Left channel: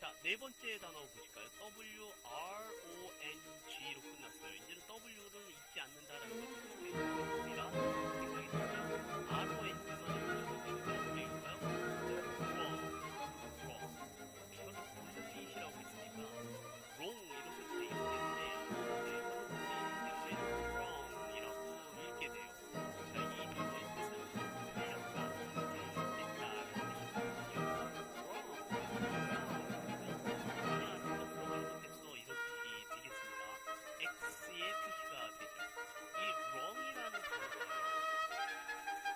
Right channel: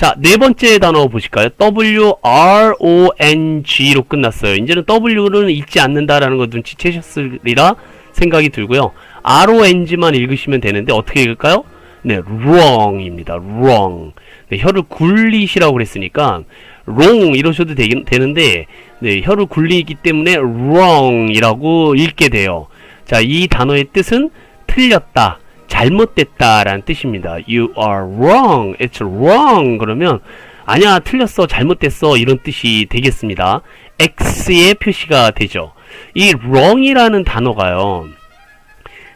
자, 네 번째 단어 보실까요? WRONG로 끝났어요. 이제는 W는 읽지 않는다라는 거 눈치채셨으리라 생각이 들고요. RONG만 읽으시면 되는데 어떻게 읽을까요? 네, wrong입니다. wrong. 네, 혀를 굴리시라고 그랬으니까 wrong 이러셔도 되는데 네, 혀를 굴리기 때문에 wrong이라고 읽게 돼요. 자, 이 단어의 뜻은 틀렸다, 잘못됐다 라는 뜻입니다. You are wrong, it's wrong 그러면 아니야, 틀렸어, 잘못됐어 이런 뜻이 되겠습니다. X의 표시가 되죠. 이 wrong이라는 단어가요,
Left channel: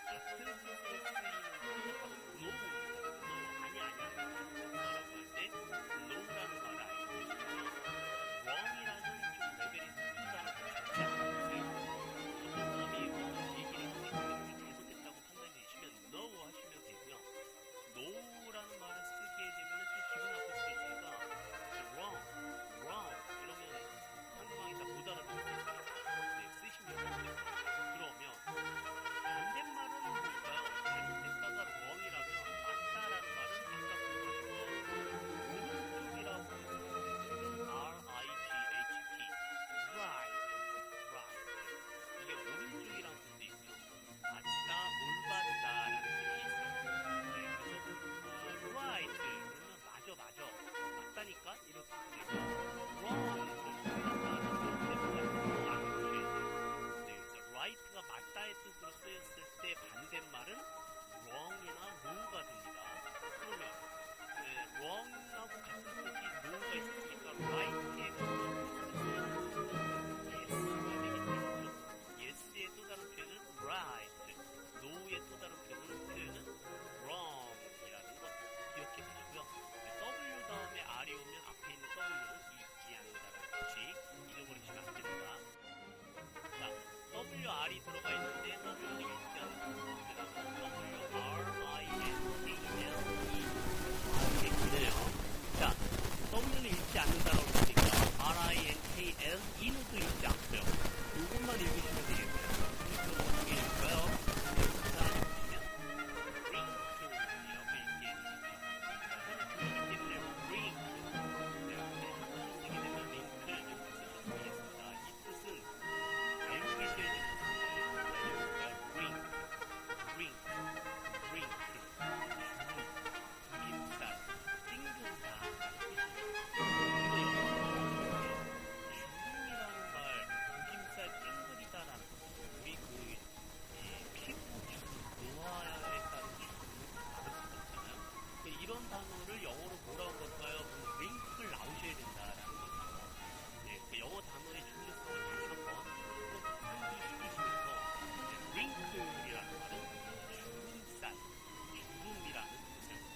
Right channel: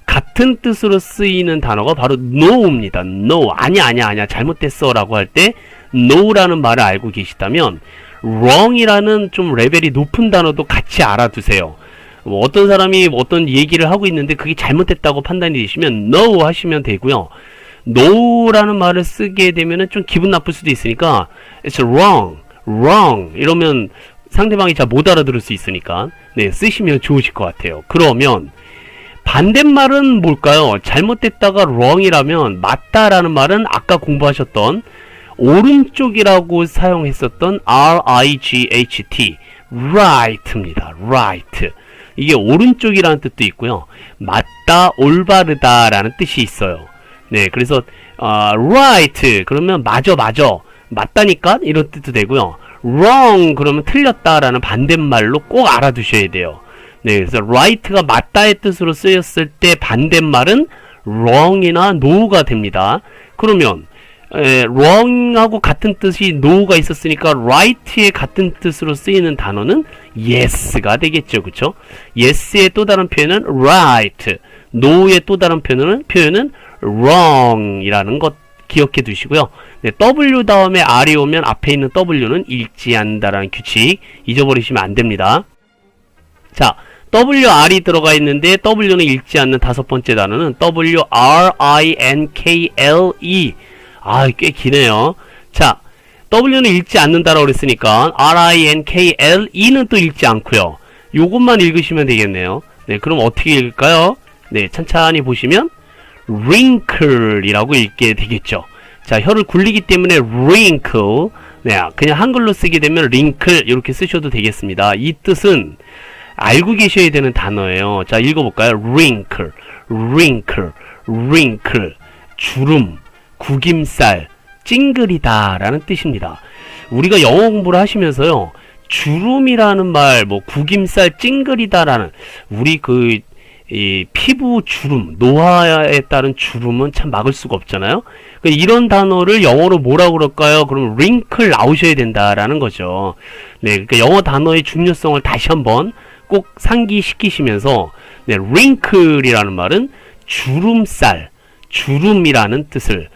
같은 뜻으로 쓰이는 단어가 바로 no입니다. no, 아니야 잘못됐어 라고 할 때 no라는 말을 알고 계시다면 wrong이라는 좀 레벨이 높은 단어도 같이 알아두세요. 뭐 어떤 사람이 어떤 얘기를 하고 있는데 그게 잘못됐다고 판단이 되시면 no 하시면 되고요. no라는 말을 쓰게 되면은 좀 기분 나쁠 수도 있으니까 it's wrong 이러면 상대방이 잘 못 알아들을 수 있으니까 네, 쓰시면 좋으실 것 같아요. 그러면 반대말은 뭘까요? 잘못됐다가 wrong이라면 맞다라는 말은 아까 공부하셨던 오른쪽이라고 사용했었던 R-I-G-H-T right입니다. right. 이게 오른쪽이라는 뜻도 있고요. 맞다, 올바르다 라는 뜻이 있어요. 네, 그래서 right 그러면 맞아 맞다니까 이런 뜻도 되고요. wrong 그러면 틀렸다 라는 반대말로 꼭 알아두셔야 돼요. 네, 그래서 right가 맞다의 뜻으로 쓰였을 때 반대말은 wrong이나 no가 됩니다. 그러면 wrong하고 같은 뜻이 no가 있었으니까 right의 같은 뜻으로 쓰이는 단어는 yes가 되겠죠. 그쵸? yes의 또 다른 표현은 right, no의 또 다른 표현은 wrong이라는 것 기억해 두시고요. 네, W 다음에 R이 오면 앞에 있는 W는 읽지 않는다라는 규칙 잊어버리시면 안 됩니다. 자, WR이 들어가 있는데 W는 읽지 않는 다섯 번째 단어는 WRINKLE. 아, 꽤 기네요. 자, W는 읽지 않는다라고 그랬으니까 RINKLE는 또 읽지 않고요. 요것만 읽으시면 되겠네요. 네, 그럼 어떻게 읽을까요? 네, 천천히 보시면 wrinkle이라고 읽게 되겠죠. 자, 혀를 굴리기 때문에 wrinkle. 네, 그냥 한글로 쓰게 되면 wrinkle 이렇게 쓰셔도 되겠습니다. 이 뜻은 알고 계셔야 되는 단어예요. 자, 읽어볼까요? wrinkle, 주름, 구김살, 찡그리다 라는 뜻입니다. 우리가 영어 공부를 하시면서요, 주름이라는 말, 뭐 구김살, 찡그리다 라는 우리 이 피부 주름, 노화에 따른 주름은 참 막을 수가 없잖아요. 이런 단어를 영어로 뭐라고 그럴까요? 그러면 wrinkle 나오셔야 된다라는 거죠. 네, 그러니까 영어 단어의 중요성을 다시 한번 꼭 상기시키시면서, 네, wrinkle이라는 말은 주름살, 주름이라는 뜻을,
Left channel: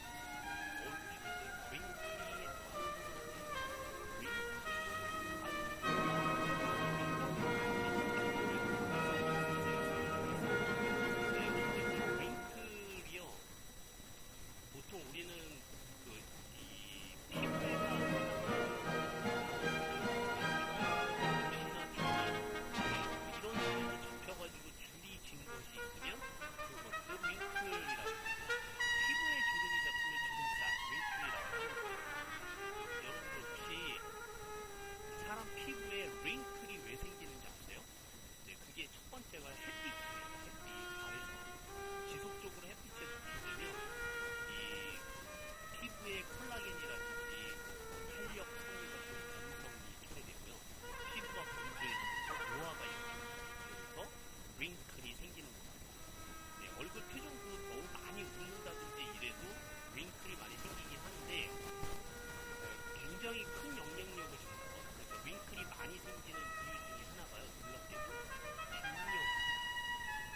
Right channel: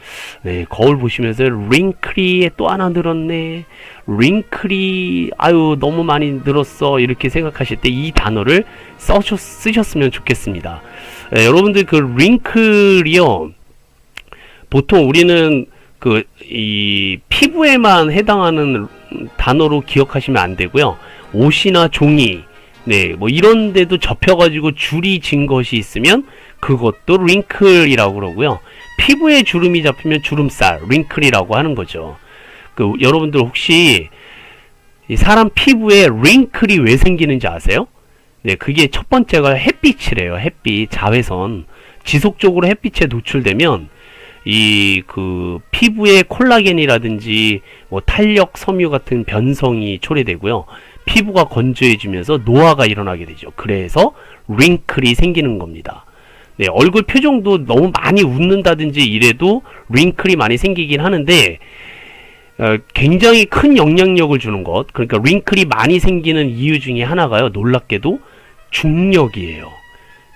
네, 거울 보시면서 wrinkly에 또 하나 늘었네, wrinkly, 아유 너무 많이 늘었어 이렇게 생각하실 때 이 단어를 쓰셨으면 좋겠습니다. 네, 여러분들 그 wrinkle이요, 보통 우리는 이 피부에만 해당하는 단어로 기억하시면 안 되고요. 옷이나 종이, 네, 뭐 이런 데도 접혀가지고 줄이 진 것이 있으면 그것도 wrinkle이라고 그러고요. 피부에 주름이 잡히면 주름살, wrinkle이라고 하는 거죠. 여러분들 혹시 이 사람 피부에 wrinkle이 왜 생기는지 아세요? 네, 그게 첫 번째가 햇빛이래요. 햇빛, 자외선. 지속적으로 햇빛에 노출되면 이 피부의 콜라겐이라든지 뭐 탄력, 섬유 같은 변성이 초래되고요. 피부가 건조해지면서 노화가 일어나게 되죠. 그래서 wrinkle이 생기는 겁니다. 네, 얼굴 표정도 너무 많이 웃는다든지 이래도 wrinkle이 많이 생기긴 하는데 굉장히 큰 영향력을 주는 것, 그러니까 wrinkle이 많이 생기는 이유 중에 하나가요, 놀랍게도 중력이에요.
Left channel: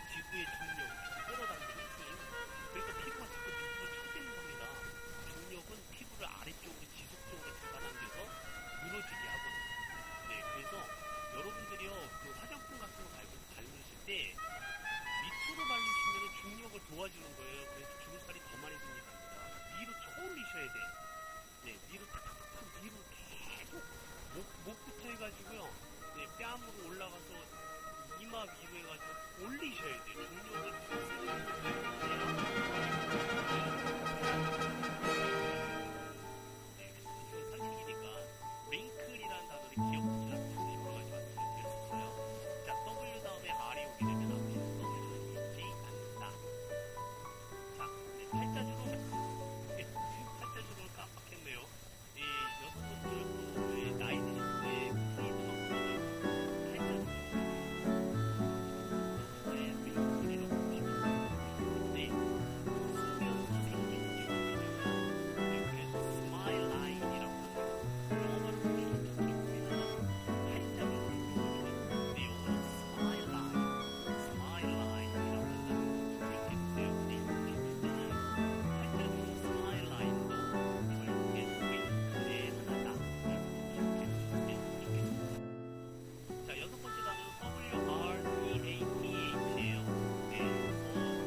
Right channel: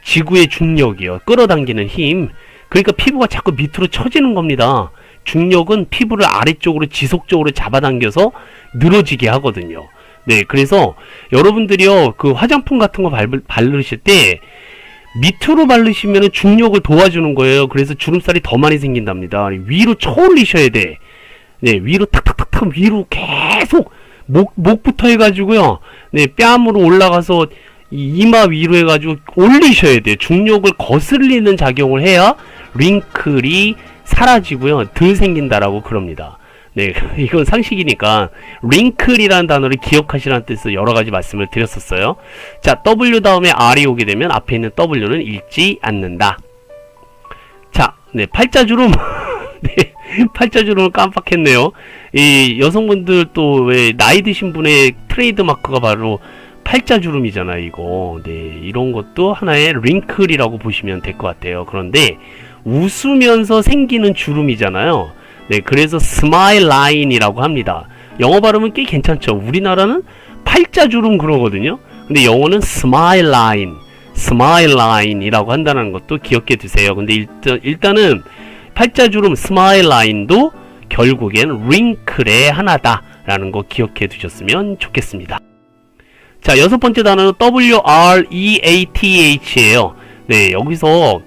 지구의 중력이요, 끌어당기는 힘. 그러니까 피부가 자꾸 밑으로 처지는 겁니다. 중력은 피부를 아래쪽으로 지속적으로 잡아당겨서 늘어지게 하거든요. 네, 그래서 여러분들이요, 화장품 같은 거 바르실 때 밑으로 바르시면 중력을 도와주는 거예요. 그래서 주름살이 더 많이 생긴답니다. 위로 쳐올리셔야 돼. 네, 위로 탁탁탁탁 위로 계속 목부터 해가지고요, 네, 뺨으로 올라가서 이마 위로 해가지고 올리셔야 돼요. 중력을 거슬리는 작용을 해야 wrinkle이 사라지고요, 덜 생긴다라고 그럽니다. 네, 이건 상식이니까 wrinkle이라는 단어를 기억하시라는 뜻으로 여러 가지 말씀을 드렸었어요. 자, W 다음에 R이 오게 되면 앞에 있는 W는 읽지 않는다. 자, 네, 팔자주름. 네, 팔자주름을 깜빡했네요. 이 여성분들 또 왜 나이 드신 분의 트레이드 마크가 바로 팔자주름이잖아요, 이거. 네, 이런 것도 하나의 wrinkle이라고 보시면 될 것 같아요. 그런데 웃으면서 생기는 주름이잖아요. 네, 그래서 스마일 라인이라고 합니다. 영어 발음은 꽤 괜찮죠. 우리나라는 팔자주름 그러거든요. 근데 영어는 스마일 라인이라고 한다는 것도 기억해 두세요. 근데 일단은 팔자주름 스마일 라인도 결국엔 wrinkle의 하나다라는 거 기억해 두셨으면 좋겠습니다. 자, 여섯 번째 단어는 WREATH예요. 네, 여기서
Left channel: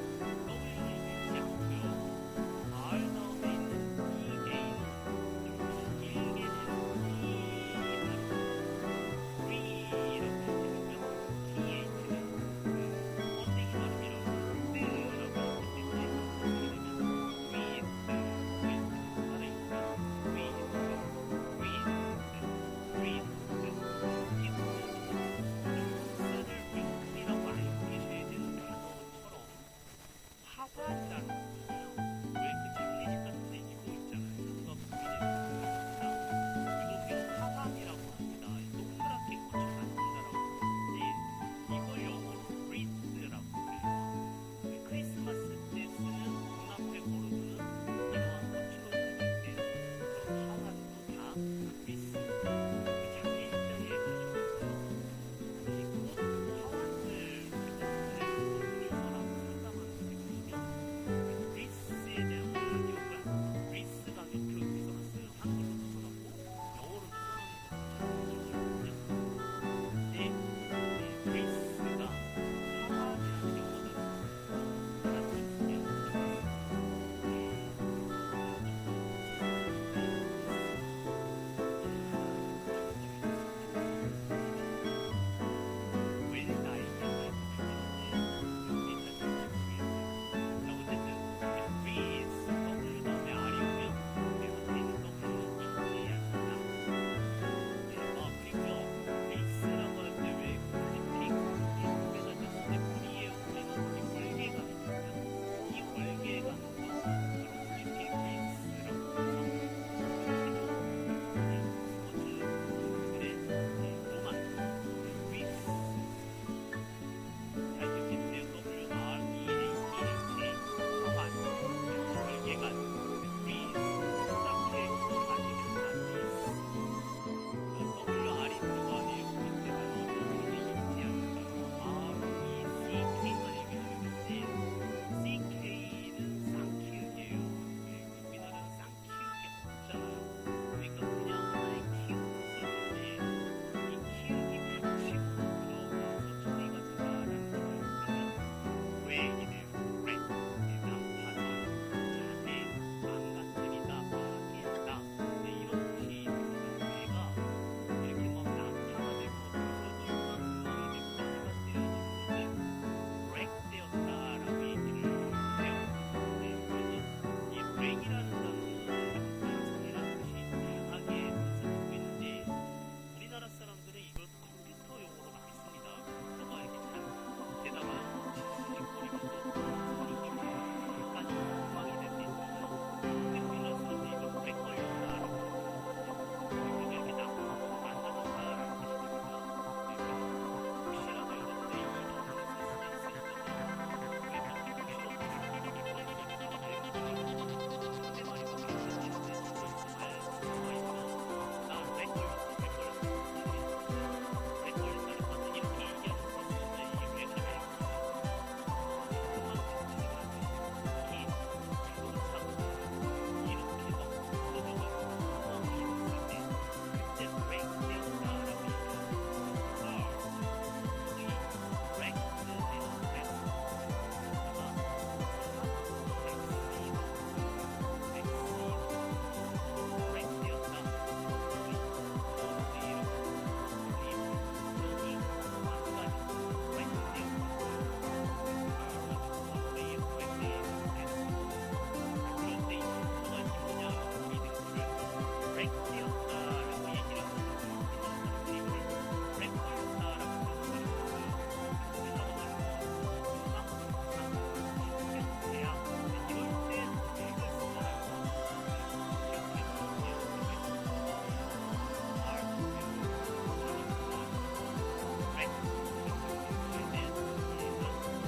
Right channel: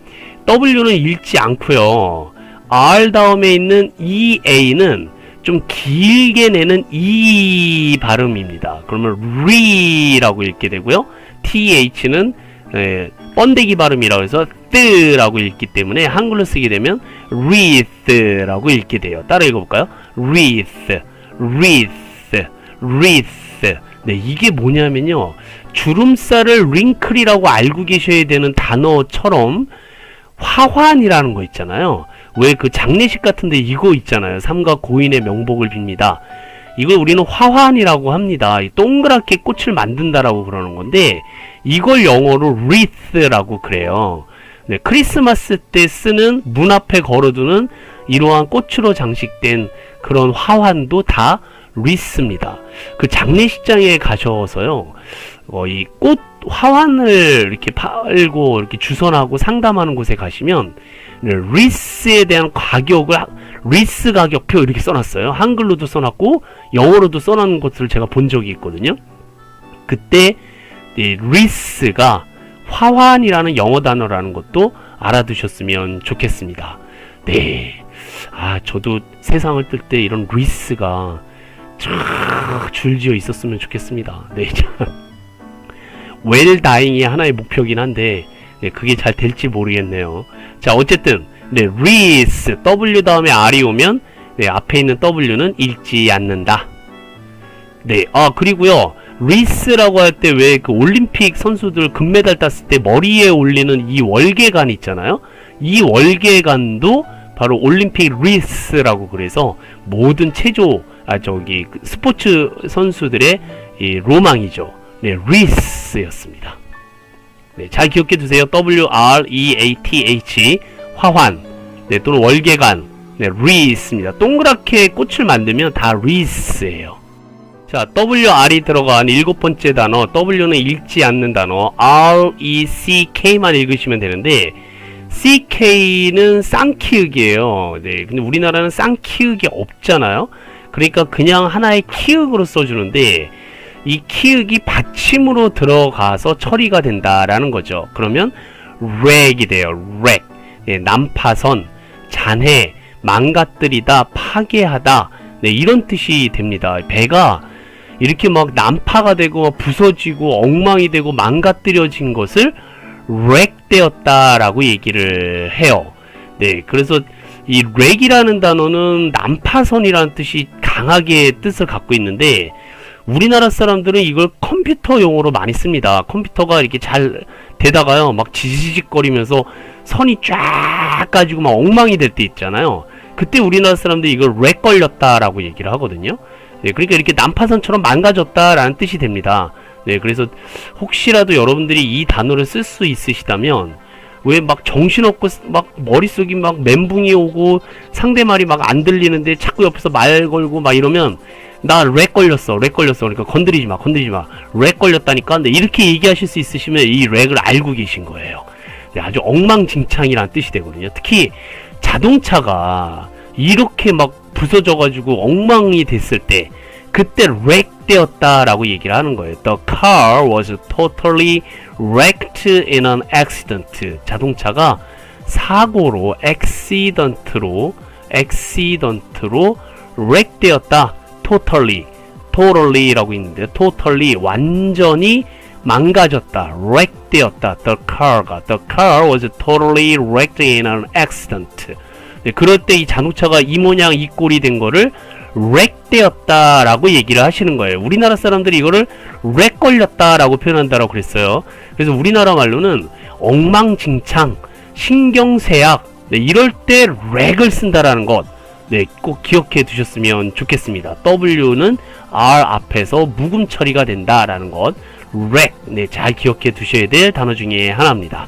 W는 읽지 않고요. R 다음에 있는 EA는 좀 길게 내는 E 발음입니다. 그러면 re라고 읽게 되고요. TH는 번데기 발음이라고 해서 뜨라고 읽기 때문에 한글로 쓰게 되면 wreath라고 읽게 돼요. 따라 읽어볼까요? wreath. 네, 이게 뭐냐면요. 주름살을 wrinkle이라고 알고 계셔야 되는 단어처럼 화환이라는 거 있잖아요. 왜 그 장례식 같은데 이거 있잖아요. 삼가 고인의 명복을 빕니다. 이걸 우리는 화환이라고 합니다. 동그랗게 꽃을 만든다라고 그러는 건데 이걸 영어로 wreath라고 그래요. 네, 크리스마스 때 쓰는 문 앞에 걸어두는 이러한 꽃으로 장식된 그런 화환도 다 wreath입니다. 그 장례식장에 가셔서요. 이 꽃 화환을 이렇게 팔고 이렇게 주선하고 상담하는 곳에 가시면 리스에 대한 가격을 리스 가격표 이렇게 써놨어요. 한글로도 써놨고 영어로도 써놓은 것을 제가 본 적이 있거든요. 그때 이 리스가 화환이라는 영어 단어라는 것도 알아두셨으면 좋겠습니다. 네, 저도 세상을 뜰 때 이런 리스가 쫙 줄지어 있었으면 좋겠습니다. 네, 웰다잉이 하나의 목표긴 한데 네, 그게 잘 될지 모르겠네요. 자, 어쨌든 네, wreath W 다음에 R이 오면 네, 앞에 있는 W는 읽지 않는다. 네, 그리고요 wreath라고 할 때 왜 그 올림픽 선수들 금메달 땄을 때 머리에 올리는 이 월계관 있잖아요. 이 월계관도 바로 올림픽 wreath라고 그래서 모든 스포츠 선수들의 이 로망이죠. 네, wreath였습니다. 네, 잘 기억해 두세요. WREATH 화환, 네, 또는 월계관, 네, wreath입니다. 동그랗게 꽃을 만들면 다 wreath예요. 자, WR이 들어간 일곱 번째 단어, W는 읽지 않는 단어, RECK만 읽으시면 되는데 CK는 쌍키읔이에요. 네, 근데 우리나라는 쌍키읔이 없잖아요. 그러니까 그냥 하나의 키읔으로 써주는데 이 키읔이 받침으로 들어가서 처리가 된다라는 거죠. 그러면 wreck이 돼요. wreck. 네, 난파선, 잔해, 망가뜨리다, 파괴하다. 네, 이런 뜻이 됩니다. 배가 이렇게 막 난파가 되고 부서지고 엉망이 되고 망가뜨려진 것을 wreck되었다라고 얘기를 해요. 네, 그래서 이 wreck이라는 단어는 난파선이라는 뜻이 강하게 뜻을 갖고 있는데 우리나라 사람들은 이걸 컴퓨터 용어로 많이 씁니다. 컴퓨터가 이렇게 잘 되다가요 막 지지직거리면서 선이 쫙 가지고 막 엉망이 될 때 있잖아요. 그때 우리나라 사람들이 이걸 wreck 걸렸다라고 얘기를 하거든요. 네, 그러니까 이렇게 난파선처럼 망가졌다라는 뜻이 됩니다. 네, 그래서 혹시라도 여러분들이 이 단어를 쓸 수 있으시다면 왜 막 정신없고 막 머릿속이 막 멘붕이 오고 상대말이 막 안 들리는데 자꾸 옆에서 말 걸고 막 이러면 나 렉 걸렸어 그러니까 건드리지 마 렉 걸렸다니까. 근데 이렇게 얘기하실 수 있으시면 이 렉을 알고 계신 거예요. 네, 아주 엉망진창이라는 뜻이 되거든요. 특히 자동차가 이렇게 막 부서져 가지고 엉망이 됐을 때 그때 wreck 되었다라고 얘기를 하는 거예요. The car was totally wrecked in an accident. 자동차가 사고로 accident로 wreck 되었다. totally라고 있는데 totally 완전히 망가졌다. wreck 되었다. The car was totally wrecked in an accident. 네, 그럴 때 이 자동차가 이 모양 이 꼴이 된 거를 렉 되었다라고 얘기를 하시는 거예요. 우리나라 사람들이 이거를 렉 걸렸다라고 표현한다라고 그랬어요. 그래서 우리나라 말로는 엉망진창, 신경쇠약, 네, 이럴 때 렉을 쓴다라는 것, 네, 꼭 기억해 두셨으면 좋겠습니다. W는 R 앞에서 묵음 처리가 된다라는 것, 렉, 네, 잘 기억해 두셔야 될 단어 중에 하나입니다.